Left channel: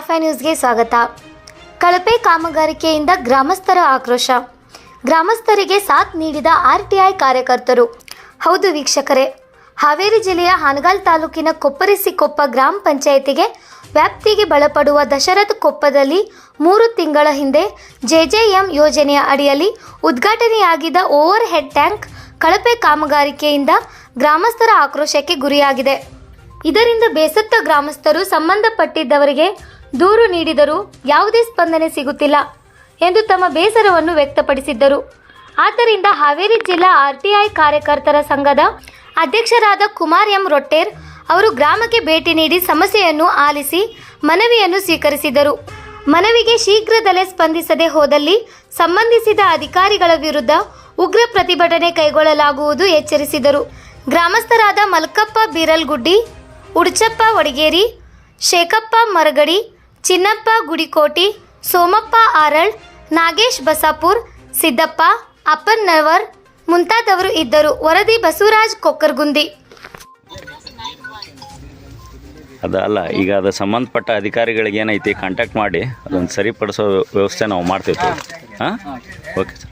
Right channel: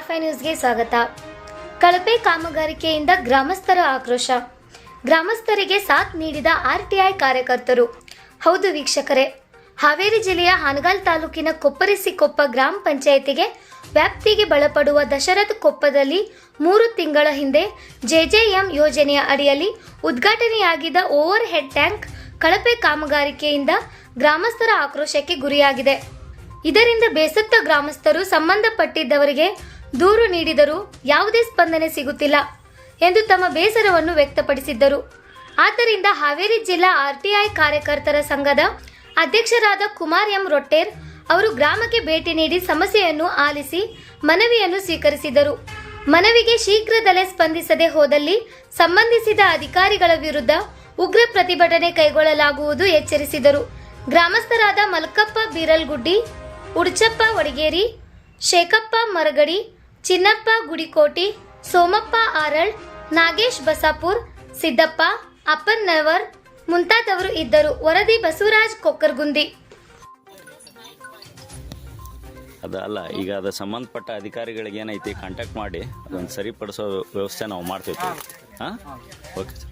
Star 5 ನ್ಯೂಸ್ಗೆ ಸ್ವಾಗತ. ಕಳಪೆ ಕಾಮಗಾರಿಕೆಯಿಂದ ಗ್ರಾಮಸ್ಥರ ಆಕ್ರೋಶ. ಗ್ರಾಮಸ್ಥರಿಗೆ ಸಾಥ್ ನೀಡಿದ ಆರ್ಟಿಐ ಕಾರ್ಯಕರ್ತರು. ಹೌದು ವೀಕ್ಷಕರೇ, ಹಾವೇರಿ ಜಿಲ್ಲೆಯ ಹಾನಗಲ್ ತಾಲೂಕಿನ ಕೊಪ್ಪರಿಸಿಕೊಪ್ಪ ಗ್ರಾಮ ಪಂಚಾಯಿತಿಗೆ ವ್ಯಾಪ್ತಿಗೆ ಒಳಪಡುವ ದಶರಥ ಕೊಪ್ಪದಲ್ಲಿ 3 ತಿಂಗಳ ಹಿಂದೆ ಜೆಜೆಎಂ ಯೋಜನೆಯ ಅಡಿಯಲ್ಲಿ ಉದ್ಘಾಟನೆಯಾಗಿದ್ದ ಓವರ್ ಹೆಡ್ ಟ್ಯಾಂಕ್ ಕಳಪೆ ಕಾಮಗಾರಿಕೆಯಿಂದ ಗ್ರಾಮಸ್ಥರ ಆಕ್ರೋಶಕ್ಕೆ ಗುರಿಯಾಗಿದೆ. ಇದರಿಂದ ಬೇಸತ್ತ ಗ್ರಾಮಸ್ಥರು ಸಂಬಂಧಪಟ್ಟಿದ್ದವರಿಗೆ ದೂರು ನೀಡಿದರೂ ಯಾವುದೇ ಸ್ಪಂದನೆ ಸಿಗುತ್ತಿಲ್ಲ ಎಂದು ತಮ್ಮ ಬೇಸರವನ್ನು ವ್ಯಕ್ತಪಡಿಸಿದ್ದರು. ಆದ್ದರಿಂದ ಹಾವೇರಿ ಜಿಲ್ಲಾ ಆರ್ಟಿಐ ಕಾರ್ಯಕರ್ತರ ಸಂಘದ ಅಧ್ಯಕ್ಷರಾದ ಕುಮಾರ್ ಎಂ ರೊಟ್ಟೇರ್ ಅವರು ಗ್ರಾಮಕ್ಕೆ ಭೇಟಿ ನೀಡಿ ಸಮಸ್ಯೆಯನ್ನು ಆಲಿಸಿ ಮನವಿಯನ್ನು ಸ್ವೀಕರಿಸಿದರು. ಮನವಿಗೆ ಶೀಘ್ರದಲ್ಲೇ ಸ್ಪಂದಿಸದೆ ಹೋದಲ್ಲಿ ಸಂಬಂಧಿಸಿದ ಅಧಿಕಾರಿಗಳ ವಿರುದ್ಧ ಉಗ್ರ ಪ್ರತಿಭಟನೆ ಕೈಗೊಳ್ಳಲಾಗುವುದು ಎಚ್ಚರಿಸಿದರು. ಗ್ರಾಮಸ್ಥರಾದ ಮಲ್ಕಪ್ಪ ಬೀರಲ್ಗುಡ್ಡಿ, ಉಡ್ಚಪ್ಪ ವಡಗೇರಿ, ಶೇಖಪ್ಪ ಮರಗಡಿ, ಚಿನ್ನಪ್ಪ ಗುಡಿಕೋಟಿ, ಸೋಮಪ್ಪ ಆರಳ್, ನಾಗೇಶ್ ಬಸಾಪುರ್, ಸಿದ್ದಪ್ಪ ಅಪ್ಪನ್ನವರ್ ಮುಂತಾದವರು ಇದ್ದರು. ವರದಿ ಬಸವರಾಜ್ ಕೊಕ್ಕರ್ಗುಂದಿ. ಅದಲ್ಲ, ಈಗ ಅದು ಸಂಬಂಧಪಟ್ಟ ಅಧಿಕಾರಿಗಳಿಗೆ ಏನೈತಿ ಕಾಂಟ್ಯಾಕ್ಟ್ ಮಾಡಿ ಅದನ್ನು ಸರಿಪಡಿಸೋ ವ್ಯವಸ್ಥೆ ನಾವು ಮಾಡ್ತೀವಿ. ಹಾಂ, ಓಕೆ ಸರ್.